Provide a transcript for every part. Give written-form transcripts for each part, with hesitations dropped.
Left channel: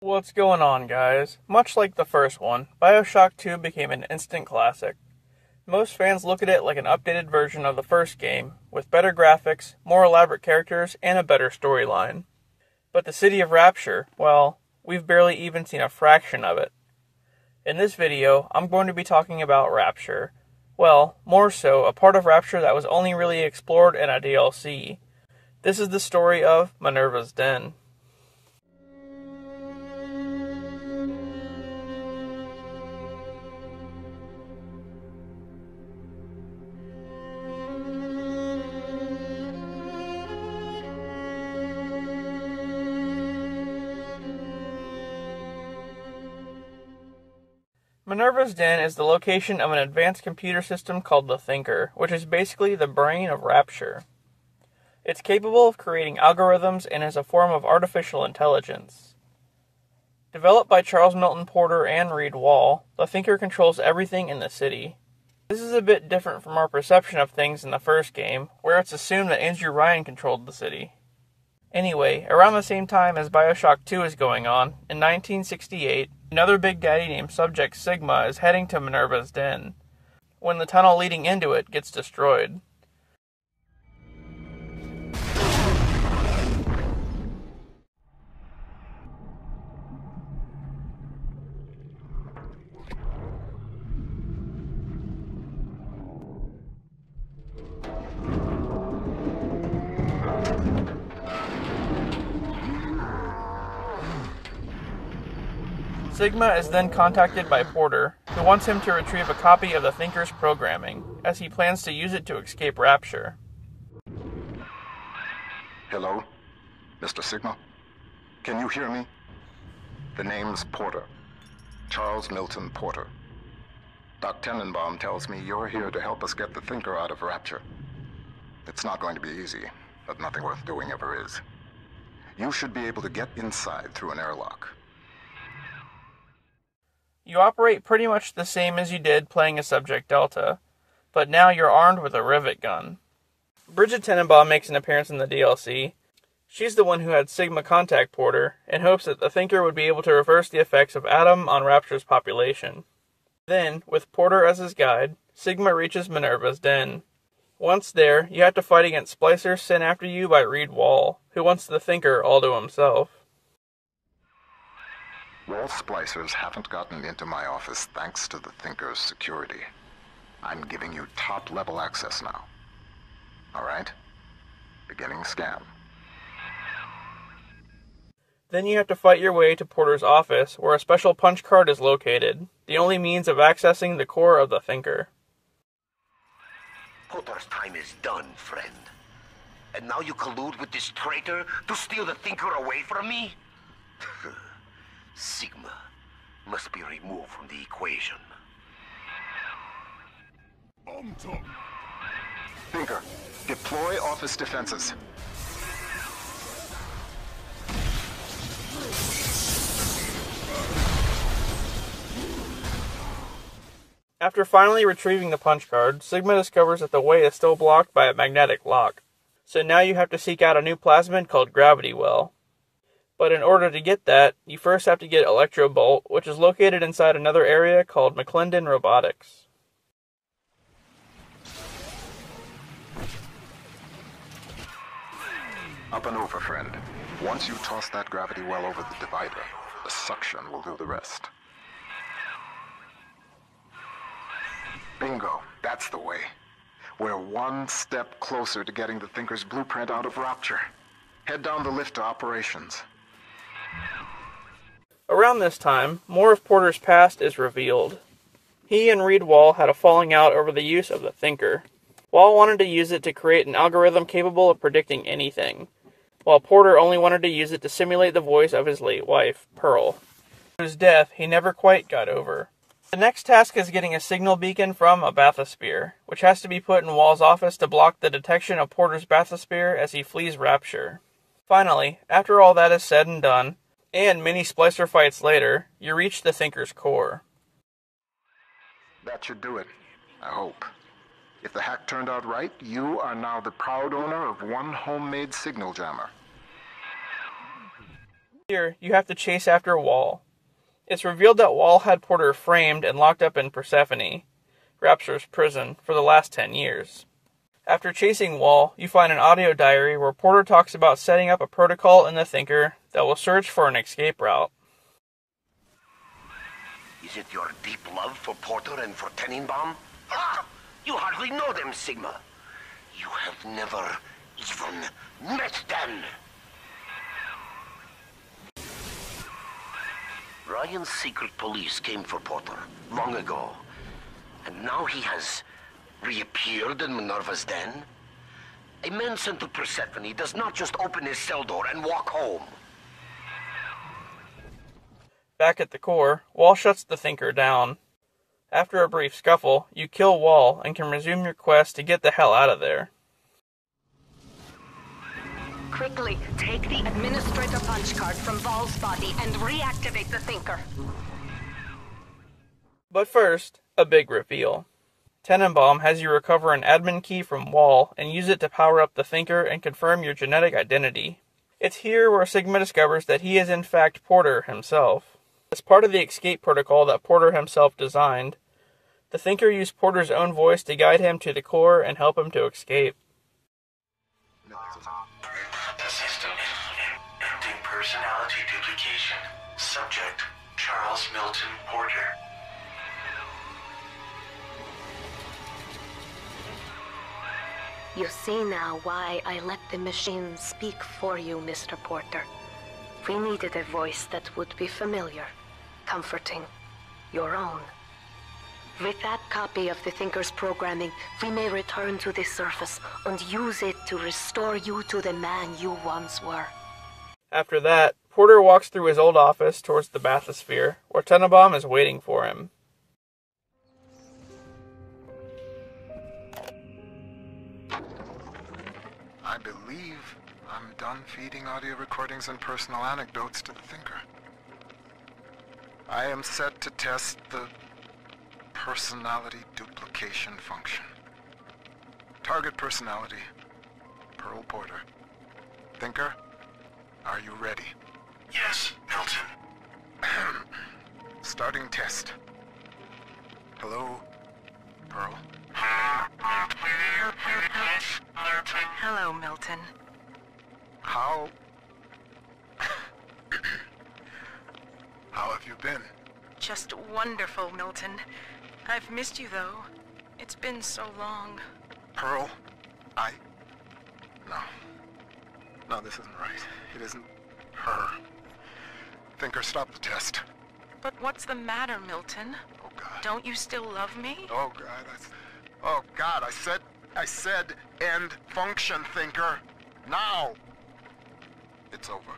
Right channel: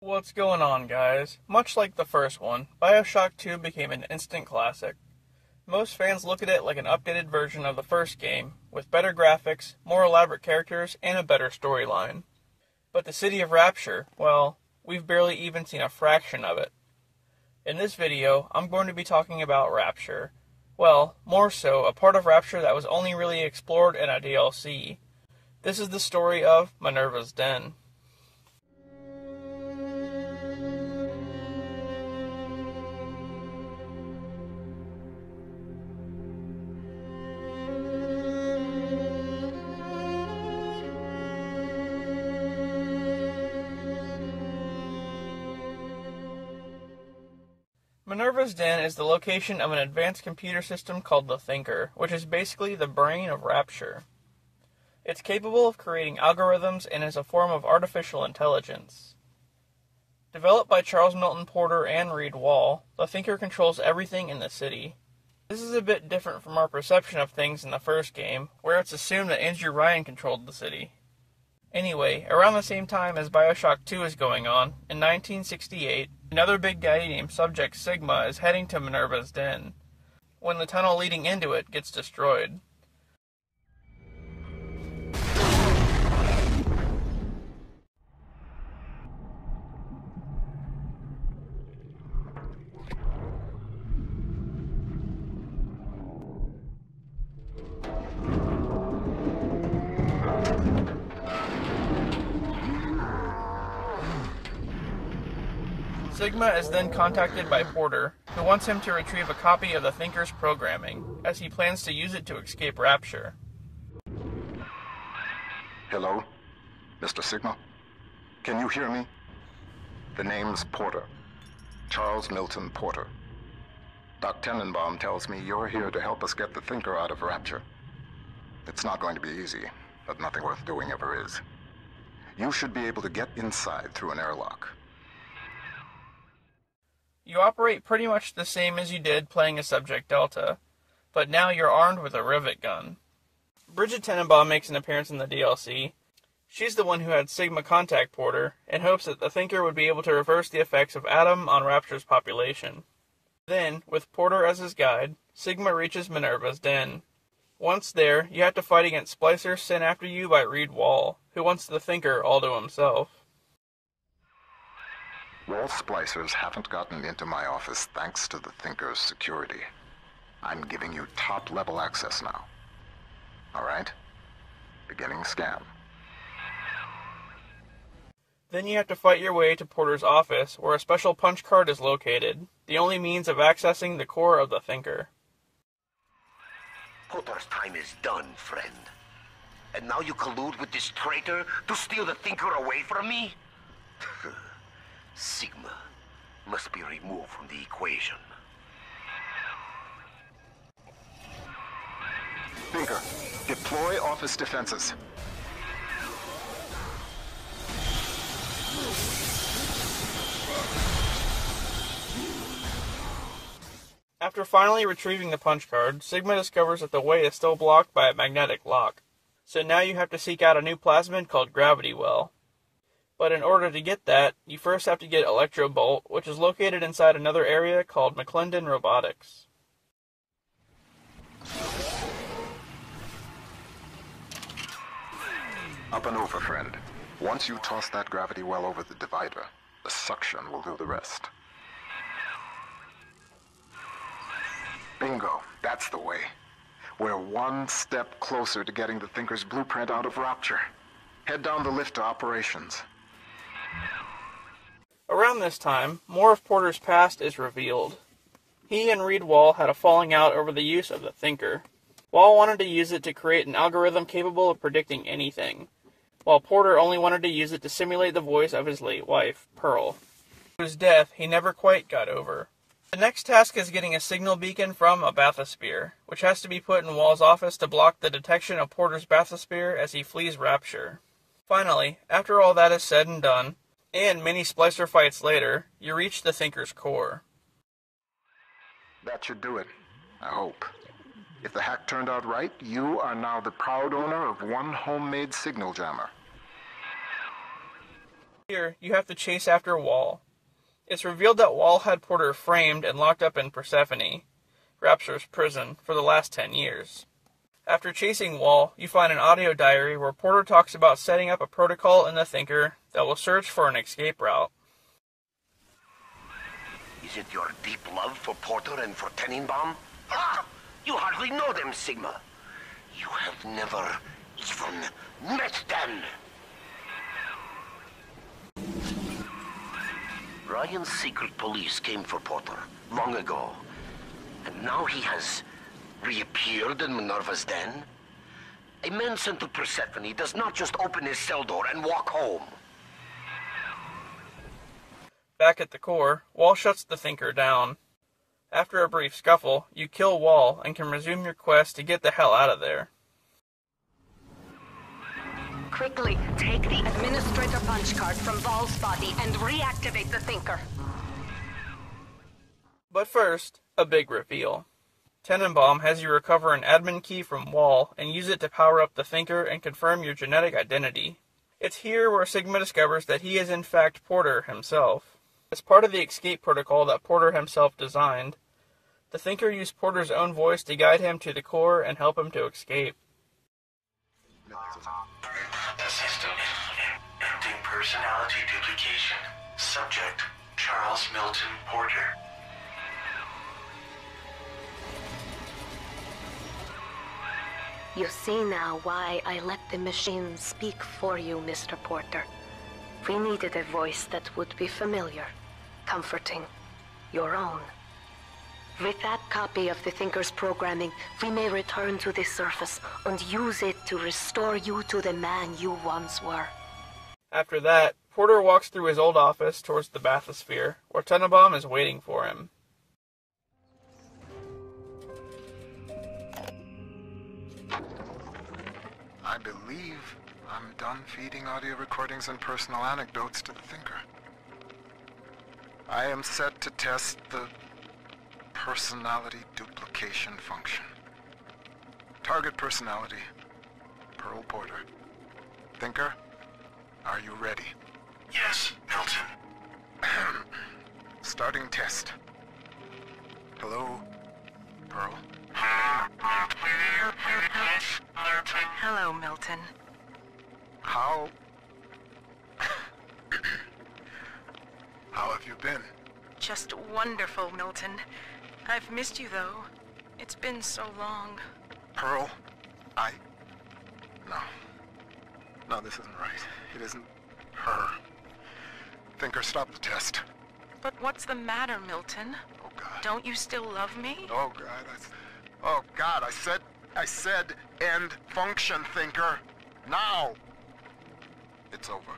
What's going on, guys? Much like the first one, BioShock 2 became an instant classic. Most fans look at it like an updated version of the first game, with better graphics, more elaborate characters, and a better storyline. But the city of Rapture, well, we've barely even seen a fraction of it. In this video, I'm going to be talking about Rapture. Well, more so, a part of Rapture that was only really explored in a DLC. This is the story of Minerva's Den. Minerva's Den is the location of an advanced computer system called the Thinker, which is basically the brain of Rapture. It's capable of creating algorithms and is a form of artificial intelligence. Developed by Charles Milton Porter and Reed Wahl, the Thinker controls everything in the city. This is a bit different from our perception of things in the first game, where it's assumed that Andrew Ryan controlled the city. Anyway, around the same time as BioShock 2 is going on, in 1968, another big daddy named Subject Sigma is heading to Minerva's Den, when the tunnel leading into it gets destroyed. Sigma is then contacted by Porter, who wants him to retrieve a copy of the Thinker's programming, as he plans to use it to escape Rapture. Hello? Mr. Sigma? Can you hear me? The name's Porter. Charles Milton Porter. Doc Tenenbaum tells me you're here to help us get the Thinker out of Rapture. It's not going to be easy, but nothing worth doing ever is. You should be able to get inside through an airlock. You operate pretty much the same as you did playing as Subject Delta, but now you're armed with a rivet gun. Bridget Tenenbaum makes an appearance in the DLC. She's the one who had Sigma contact Porter, in hopes that the Thinker would be able to reverse the effects of Adam on Rapture's population. Then, with Porter as his guide, Sigma reaches Minerva's Den. Once there, you have to fight against splicers sent after you by Reed Wahl, who wants the Thinker all to himself. Wall splicers haven't gotten into my office thanks to the Thinker's security. I'm giving you top-level access now. All right? Beginning scan. Then you have to fight your way to Porter's office, where a special punch card is located, the only means of accessing the core of the Thinker. Porter's time is done, friend. And now you collude with this traitor to steal the Thinker away from me? Sigma must be removed from the equation. Thinker, deploy office defenses. After finally retrieving the punch card, Sigma discovers that the way is still blocked by a magnetic lock. So now you have to seek out a new plasmid called Gravity Well. But in order to get that, you first have to get Electro Bolt, which is located inside another area called McClendon Robotics. Up and over, friend. Once you toss that gravity well over the divider, the suction will do the rest. Bingo, that's the way. We're one step closer to getting the Thinker's blueprint out of Rapture. Head down the lift to operations. Around this time, more of Porter's past is revealed. He and Reed Wahl had a falling out over the use of the Thinker. Wahl wanted to use it to create an algorithm capable of predicting anything, while Porter only wanted to use it to simulate the voice of his late wife, Pearl, whose death he never quite got over. The next task is getting a signal beacon from a bathysphere, which has to be put in Wahl's office to block the detection of Porter's bathysphere as he flees Rapture. Finally, after all that is said and done, and many splicer fights later, you reach the Thinker's core. That should do it, I hope. If the hack turned out right, you are now the proud owner of one homemade signal jammer. Here, you have to chase after Wahl. It's revealed that Wahl had Porter framed and locked up in Persephone, Rapture's prison, for the last 10 years. After chasing Wahl, you find an audio diary where Porter talks about setting up a protocol in the Thinker that will search for an escape route. Is it your deep love for Porter and for Tenenbaum? Ah! You hardly know them, Sigma. You have never even met them. Ryan's secret police came for Porter long ago. And now he has reappeared in Minerva's den? A man sent to Persephone does not just open his cell door and walk home. Back at the core, Wahl shuts the Thinker down. After a brief scuffle, you kill Wahl and can resume your quest to get the hell out of there. Quickly, take the administrator punch card from Wahl's body and reactivate the Thinker. But first, a big reveal. Tenenbaum has you recover an admin key from Wahl and use it to power up the Thinker and confirm your genetic identity. It's here where Sigma discovers that he is in fact Porter himself. As part of the escape protocol that Porter himself designed, the Thinker used Porter's own voice to guide him to the core and help him to escape. The system ending personality duplication. Subject, Charles Milton Porter. You see now why I let the machine speak for you, Mr. Porter. We needed a voice that would be familiar, comforting, your own. With that copy of the Thinker's programming, we may return to the surface and use it to restore you to the man you once were. After that, Porter walks through his old office towards the bathysphere, where Tenenbaum is waiting for him. I believe I'm done feeding audio recordings and personal anecdotes to the Thinker. I am set to test the personality duplication function. Target personality, Pearl Porter. Thinker, are you ready? Yes, Milton. Starting test. Hello, Pearl. Hello, Milton. How have you been? Just wonderful, Milton. I've missed you, though. It's been so long. Pearl, No, this isn't right. It isn't her. Thinker, stop the test. But what's the matter, Milton? Oh, God. Don't you still love me? Oh, God, I said end function, Thinker. Now. It's over.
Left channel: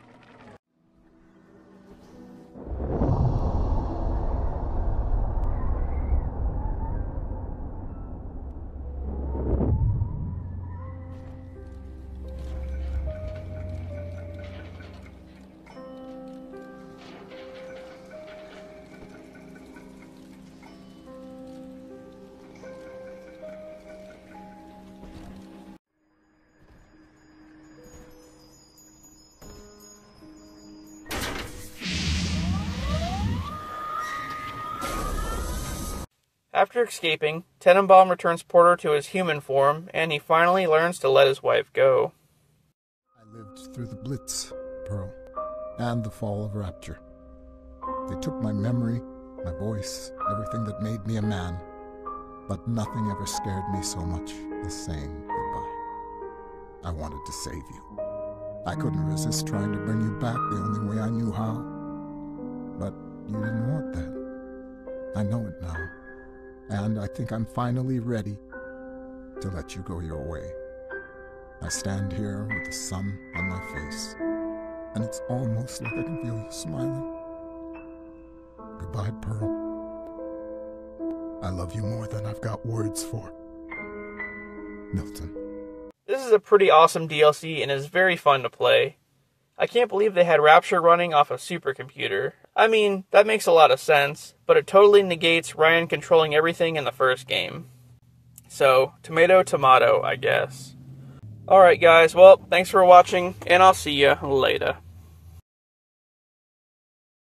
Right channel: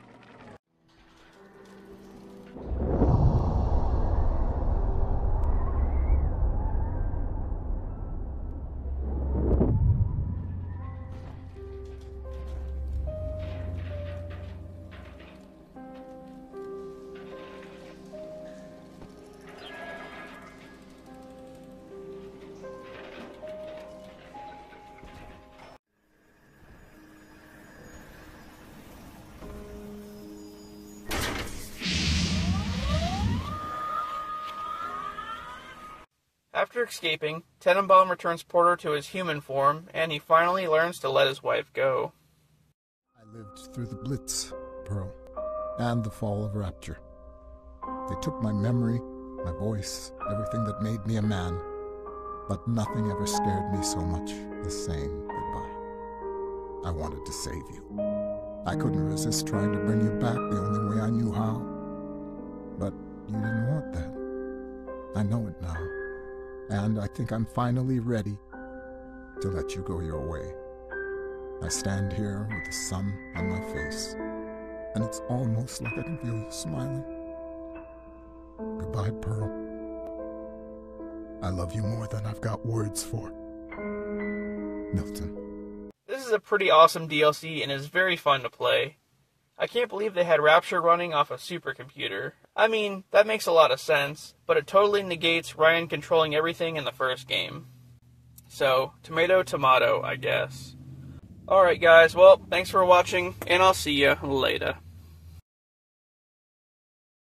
After escaping, Tenenbaum returns Porter to his human form, and he finally learns to let his wife go. I lived through the Blitz, Pearl, and the fall of Rapture. They took my memory, my voice, everything that made me a man, but nothing ever scared me so much as saying goodbye. I wanted to save you. I couldn't resist trying to bring you back the only way I knew how. But you didn't want that. I know it now. And I think I'm finally ready to let you go your way. I stand here with the sun on my face, and it's almost like I can feel you smiling. Goodbye, Pearl. I love you more than I've got words for. Milton. This is a pretty awesome DLC and is very fun to play. I can't believe they had Rapture running off a supercomputer. I mean, that makes a lot of sense, but it totally negates Ryan controlling everything in the first game. So, tomato, tomato, I guess. Alright guys, well, thanks for watching, and I'll see you later.